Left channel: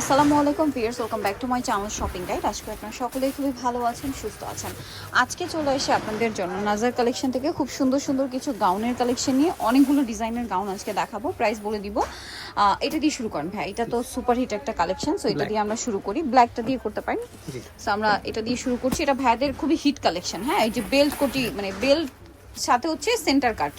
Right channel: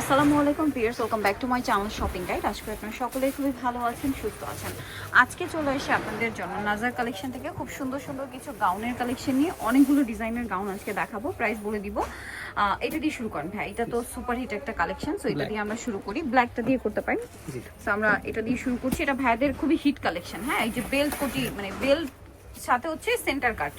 আসসালামু আলাইকুম viewers welcome back to my channel shopping guide. আজকে আপনারা সকলেই খুবই ভালো আছেন সুস্থ আছেন। আজকে চলে এসে আপনাদের জন্য নাজার কালেকশন থেকে খুব সুন্দর সুন্দর কিছু গাউনের কালেকশন নিয়ে অনেকগুলো ডিজাইনের গাউন আজকে দেখাবো প্রাইস বলে দিব। এটা দিয়ে শুরু করেন ভাই এটা তো সুপার হিট একটা কালেকশন সো এটা দিয়ে আমরা শুরু করি। ব্ল্যাকটা দিয়ে করতে পারি সো আমরা এটা দিয়ে শুরু করছি এটা ভাইদের খুবই হিট কালেকশন হ্যাঁ? এই যে বেল্ট কোটি মানে বেল্ট সাথে হচ্ছে সেন্টার কাট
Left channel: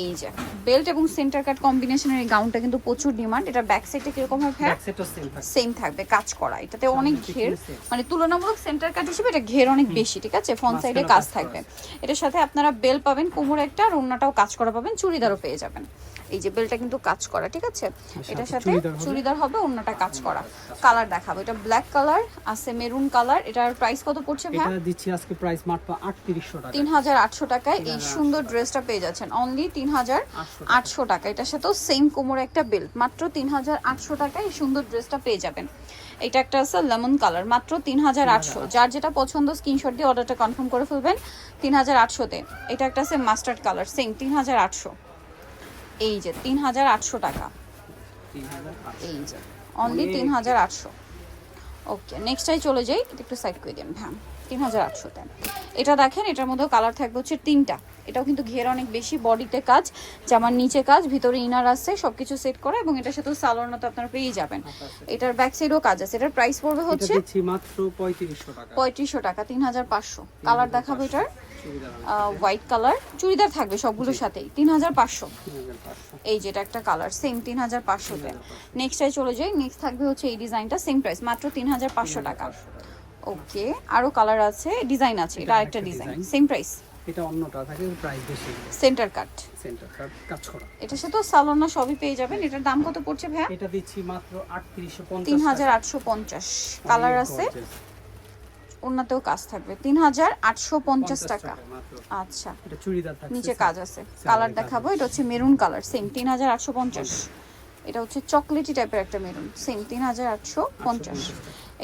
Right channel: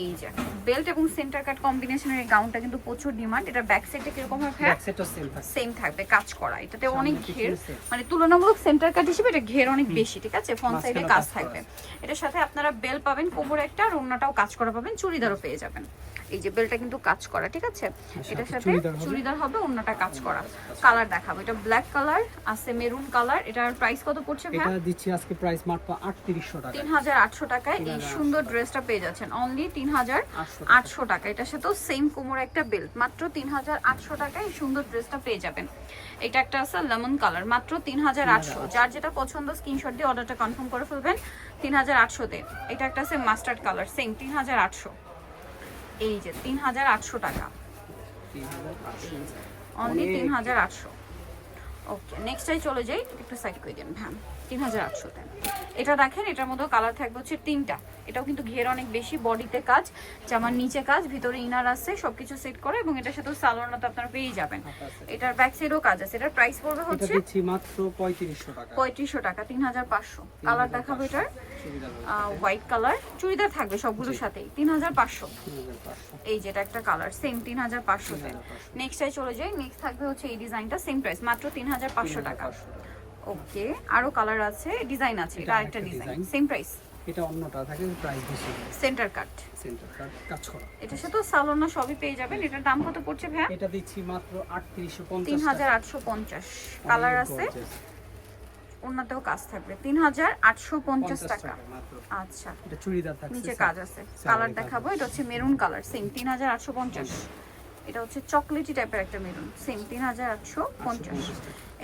এই যে বেল্ট এবং সেন্টার কাট কম্বিনেশনের এই গাউনটা কিন্তু প্রচুর ডিমান্ড এটা ব্যাক সাইডটা কীরকম হবে? ব্যাক সেটও সেম থাকছে সেম থাকবে কাজ করা। এটাতে অনেক ঘের মানে তুলনামূলক সেন্টার কাট হিসেবে এটা ঘের অনেক বেশি ঠিক আছে? ফ্রন্ট সাইডে কাজ থাকবে। এটার সাথে আপনারা বেল পাবেন কোমরে একটা আর অন্যটাও কাজ করা পাবেন চুড়িদারও পেয়ে যাবেন। এই যে বেলটা কিন্তু কাজ করা ঠিক আছে? এটার সাথে চুড়িদার হবে। অন্যটা কাজ করা। কালার দেখাবো এটা ব্ল্যাক কালার আছে মেরুন কালার এটার প্রাইস কত পড়ছে ভাই? এটা দিচ্ছি আজকে প্রাইস মাত্র 3800 টাকা। তিন হাজার আটশো টাকায়। এই সুন্দর ড্রেসটা পেয়ে যাচ্ছেন। অনলি তিন হাজার আটশো টাকা। এটার সাথেও সেম কোমর একটা বেল্ট মাত্র তিন হাজার আটশো টাকায় এই সুন্দর ড্রেসটা পেয়ে যাবেন। এটা একটা আছে লেমন কালার মাত্র তিন হাজার আটশো। যার যেটা পছন্দ স্ক্রিনশট দিয়ে অর্ডারটা কনফার্ম করে ফেলবেন। তিন হাজার আটশোতে। এটা একটা আছে মাস্টার্ড কালার সেম তিন হাজার আটশো। এই যে তিন হাজার আটশো টাকা। 3800 এই যে অনলি তিন হাজার আটশো। ওকে নেক্সটাই চলে যাই। একটু সাইড করে দেন হ্যাঁ তিন হাজার আটশোতে এটা দেখেন এটার মধ্যেও কালার থাকবে হচ্ছে তিনটা। এটাও কিন্তু ঘের অনেক বেশি বডিতে কাজ জামার নিচে কাজ ভিতরে ইনার আছে সবকিছু সেট করা এবং এটার সাথে সালোয়ারটা তো আপনারা পেয়েই যাবেন। এটার ব্যাক সাইডেও কাজ আছে। এটার প্রাইস পড়বে হচ্ছে মাত্র 3500 টাকা। পঁয়ত্রিশশো টাকা তিন হাজার পাঁচশো। কালার দেখাবো এটার। হোয়াইট কালার চুড়িদার থাকবে সবগুলোর সাথেই। তিন হাজার পাঁচশো। 3500 এই যেটা একটা কালার সেম তিন হাজার পাঁচশোতে নেক্সটাই চলে যাই। নেক্সট থাকবে হচ্ছে এই ডিজাইনটা সেম প্রাইস মাত্র তিন হাজার পাঁচশো টাকা। ওকে আরও কালার আছে ডিজাইন আছে এটা এটা আরেকটা ডিজাইন সেম প্রাইস এটা অন্যটা থাকে প্রাইস বেশি সেন্টার কাট সেন্টার কাট কাজ করা। এটার সাথে সালোনা সবই পেয়ে যাবেন। এটার দাম কত পড়ছে ভাইয়া? এটা দিচ্ছি মাত্র 3850 তিন হাজার আটশো পঞ্চাশ কালার আছে। অন্যতেও কাজ থাকবে। তিন হাজার আটশো পঞ্চাশ টাকা। আচ্ছা। এটা চুড়িদার থাকছে নিচে কাজ আছে। কালার দেখাবো এটা হচ্ছে মেরুন কালার সেম তিন হাজার আটশো পঞ্চাশ। এটা হচ্ছে চকলেটি টাইপের একটা মেরুন। সেম তিন হাজার আটশো পঞ্চাশ।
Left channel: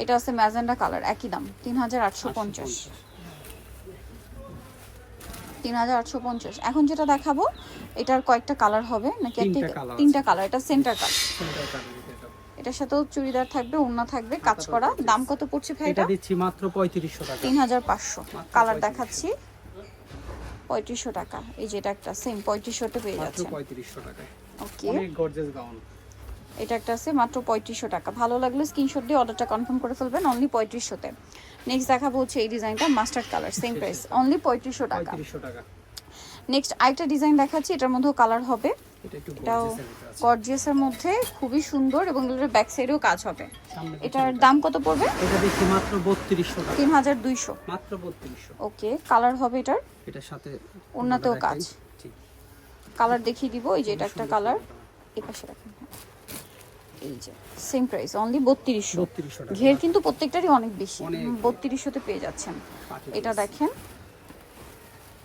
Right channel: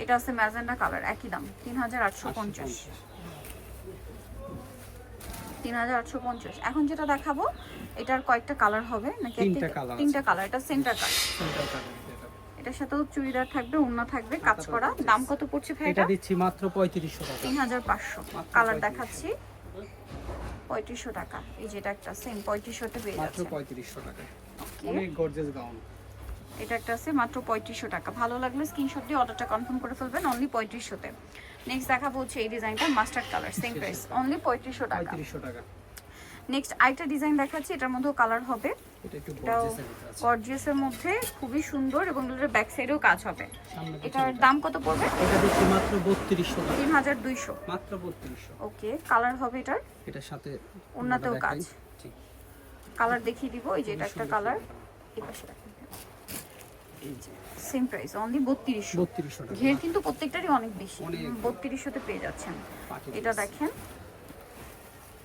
এটা আছে ম্যাজেন্ডা কালার একই দাম তিন হাজার আটশো পঞ্চাশ। তিন হাজার আটশো পঞ্চাশ। এখন যেটা দেখাবো এটার কয়েকটা কালার হবে নাকি তিনটা কালার এটা সেন্টার কালার। এটা। এটার সাথেও চুড়িদার থাকবে ওড়না থাকবে কাজ করা। দাম কত পড়ছে ভাই এটা এটা? দিচ্ছি মাত্র 3500 টাকা। তিন হাজার পাঁচশো। মাত্র কালার দেখাচ্ছি। পঁয়ত্রিশশো টাকা। এই যেটা একটা সেম পঁয়ত্রিশশোতে পেয়ে মাত্র 3500 টাকা ওকে অনেক গর্জিয়াস গাউন এটা একটা আছে মাত্র পঁয়ত্রিশশো টাকা। ভালো লাগলে স্ক্রিনশট দিয়ে অর্ডারটা কনফার্ম করে ফেলবেন অনলি পঁয়ত্রিশশোতে। নেক্সট দেখাবো হচ্ছে এই ডিজাইনটা mustard colour same price only পঁয়ত্রিশশো টাকা। 3500 টাকা। নেক্সট আরেকটা ডিজাইন দেখাচ্ছি এটার মধ্যেও কালার হবে। এটা এটাও গর্জিয়াসের মধ্যে খুবই সুন্দর এবং এটার ব্যাক সাইডেও কাজ হবে। এটার দাম কত পড়বে? এটা দিচ্ছি মাত্র 3200 টাকা। তিন হাজার দুইশো। মাত্র 3200 ওকে কালার হবে এটার। এটার সাথে ওড়নাতেও কাজ। কালার দেখিয়ে দিব এই যে এটা একটা কালার এই পাশে দেখুন। এই যে সেম প্রাইস অনলি বত্রিশশো। 3200 টাকা। ঘের কিন্তু প্রত্যেকটারই অনেক বেশি। বত্রিশশোতে পেয়ে যাচ্ছেন। এটা দেখেন।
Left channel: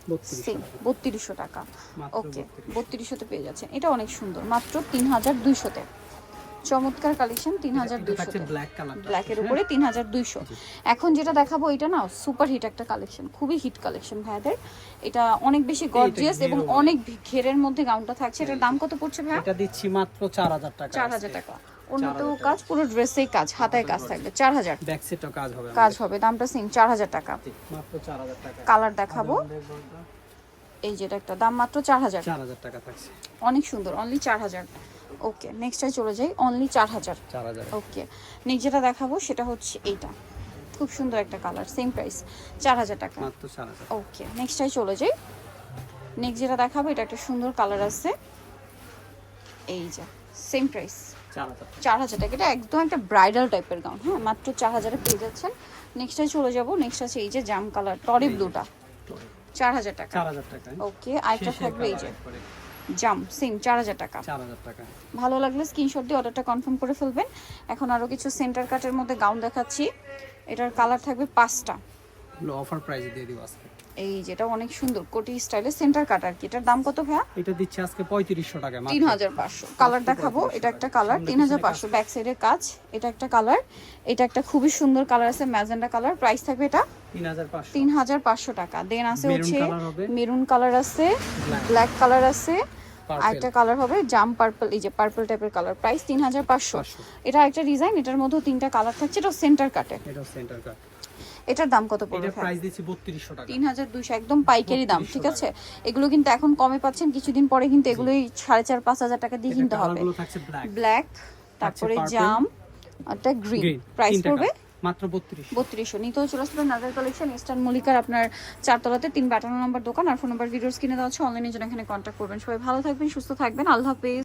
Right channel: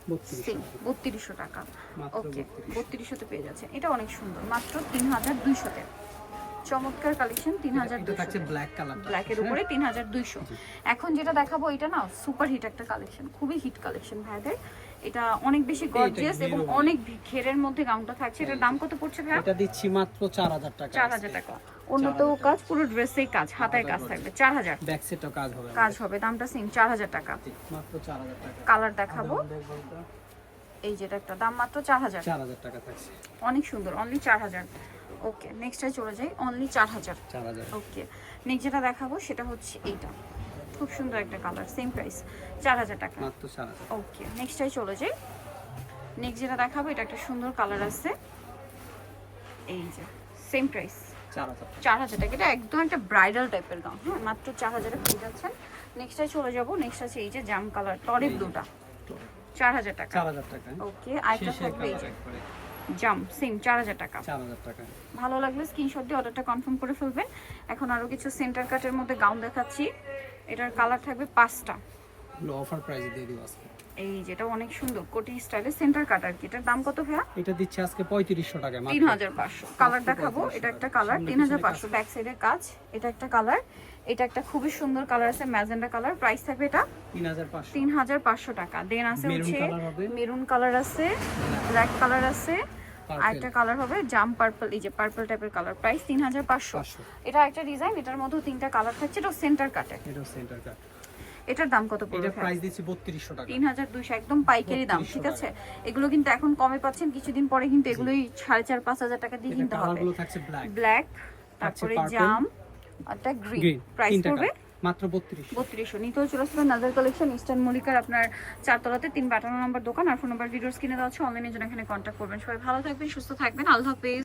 3200 সেম টাকা। বত্রিশশো টাকা। মাত্র ওকে 3200 বত্রিশশোতে পেয়ে যাচ্ছেন। এটা অনেক সুন্দর মাত্র তিন হাজার দুইশোতে। চমৎকার কালেকশন তিন হাজার ব্ল্যাকের উপরে তিন হাজার দুইশো। এখন যেটা দেখাবো এটা না সুপার হিট একটা কালেকশন খুবই হিট কালেকশন ভাইদের। এটা অনেক বেশি গর্জিয়াস এবং অনেক ঘেরের মধ্যে গাউনটা থাকছে। এটার দাম কত পড়ছে ভাই এটা দিচ্ছি মাত্র 4000 টাকা। চার হাজার টাকা। অন্যতেও কাজ পুরো ড্রেসেই কাজ হাতায় কাজ থাকবে। চার হাজার। ব্যাক সেটও কাজ হবে কাজ হবে দামটা সেম চার হাজার টাকা। মাত্র 4000 টাকা। কালার দেখাবো। এই যেটা একটা দাম মাত্র চার হাজার। 4000 টাকা থাকছে। অনেক সুন্দর অনলি চার হাজার। ওকে নেক্সটে চলে যাই। অনলি চার হাজার। ওকে নেক্সট যেটা দেখাবো সেটা হচ্ছে এইটা। খুব সুন্দর একটা কালার সেম প্রাইস চার হাজার টাকা। ওকে নেক্সটটাই চলে যাই। নেক্সট যেটা দেখাবো এটা একটা সুন্দর কালার আছে। এই যে সেম প্রাইস 4000 টাকা। চার হাজার টাকা এটা একদম একটা ব্রাইডাল টাইপের গাউন হ্যাঁ মাত্র চার হাজারে পেয়ে যাচ্ছেন নেক্সটে চলে যাব নেক্সট আছে এই যে জাম কালার টরি ব্লুটা চার হাজার টাকা। 4000 টাকা ওকে আরেকটা থাকবে এই যে জাম সেম চার হাজার টাকা। 4000 টাকা। ভালো লাগলে স্ক্রিনশট দিয়ে অর্ডারটা কনফার্ম করে ফেলবেন। এখন আরও কিছু সেন্টার কাটের মধ্যে গাউন দেখাচ্ছি। এটার কালার থাকবে পাঁচটা। অফার প্রাইস দিয়ে দিব আজকে। এই যেটা অনেক সুন্দর কোটি স্টাইলের সেন্টার কাট আর কি। এটার দাম কত ভাইয়া? এটা দিচ্ছি আজকে 3500 টাকা তিন মাত্র। হাজার পাঁচশো। কালার দেখাবো এটা একটা কালার সামনে তিন হাজার পিছনে পাঁচশো। ব্যাক সাইডের কাজ এটা একটা কালার এটা একটা খুবই সুন্দর কালার আছে ম্যাজেন্ডা কালার। প্রাইস থাকবে এটা 3500 তিন হাজার পাঁচশো টাকা। দেন আছে হচ্ছে মেরুন কালার আছে ব্ল্যাক কালার আছে একটা কালার হবে জাম পার্পল এই যে পার্পল টাইপের কালার। প্রাইস তিন হাজার পাঁচশো। এটা একটা ডিজাইন এটার মধ্যে তিনটা কালার থাকছে এটা সেন্টার কাটে। এটা সেন্টার কাট। এটার দাম কত এটা পড়বে প্রাইস দিচ্ছি বত্রিশশো টাকা। তিন হাজার দুশো একদম পাইকারি দাম ঠিক আছে? এগুলো কিন্তু এখন কমে পাচ্ছেন কিছুদিন পরে কিন্তু এগুলোই সাড়ে চার পাঁচ হাজার টাকা দিয়ে এটা কিনতে হবে। কালারগুলো থাকছে ব্ল্যাক ব্ল্যাক তারপরে জাম একটা গ্রিন প্রাইস পড়বে মাত্র বত্রিশ বত্রিশশো। নিতে চলে আসবে নাদার কালেকশন ইস্টার্ন মলিকার আপনার চারতলাতে তিন বাটানো নাম্বার দোকান আর ফোন নাম্বার ভিডিওস কিনে দেওয়া হচ্ছে অনলাইনে জন্য এখানে কন্ট্যাক্ট করবেন। সবাই ভালো থাকবেন সুস্থ থাকবেন। আল্লাহ হাফেজ।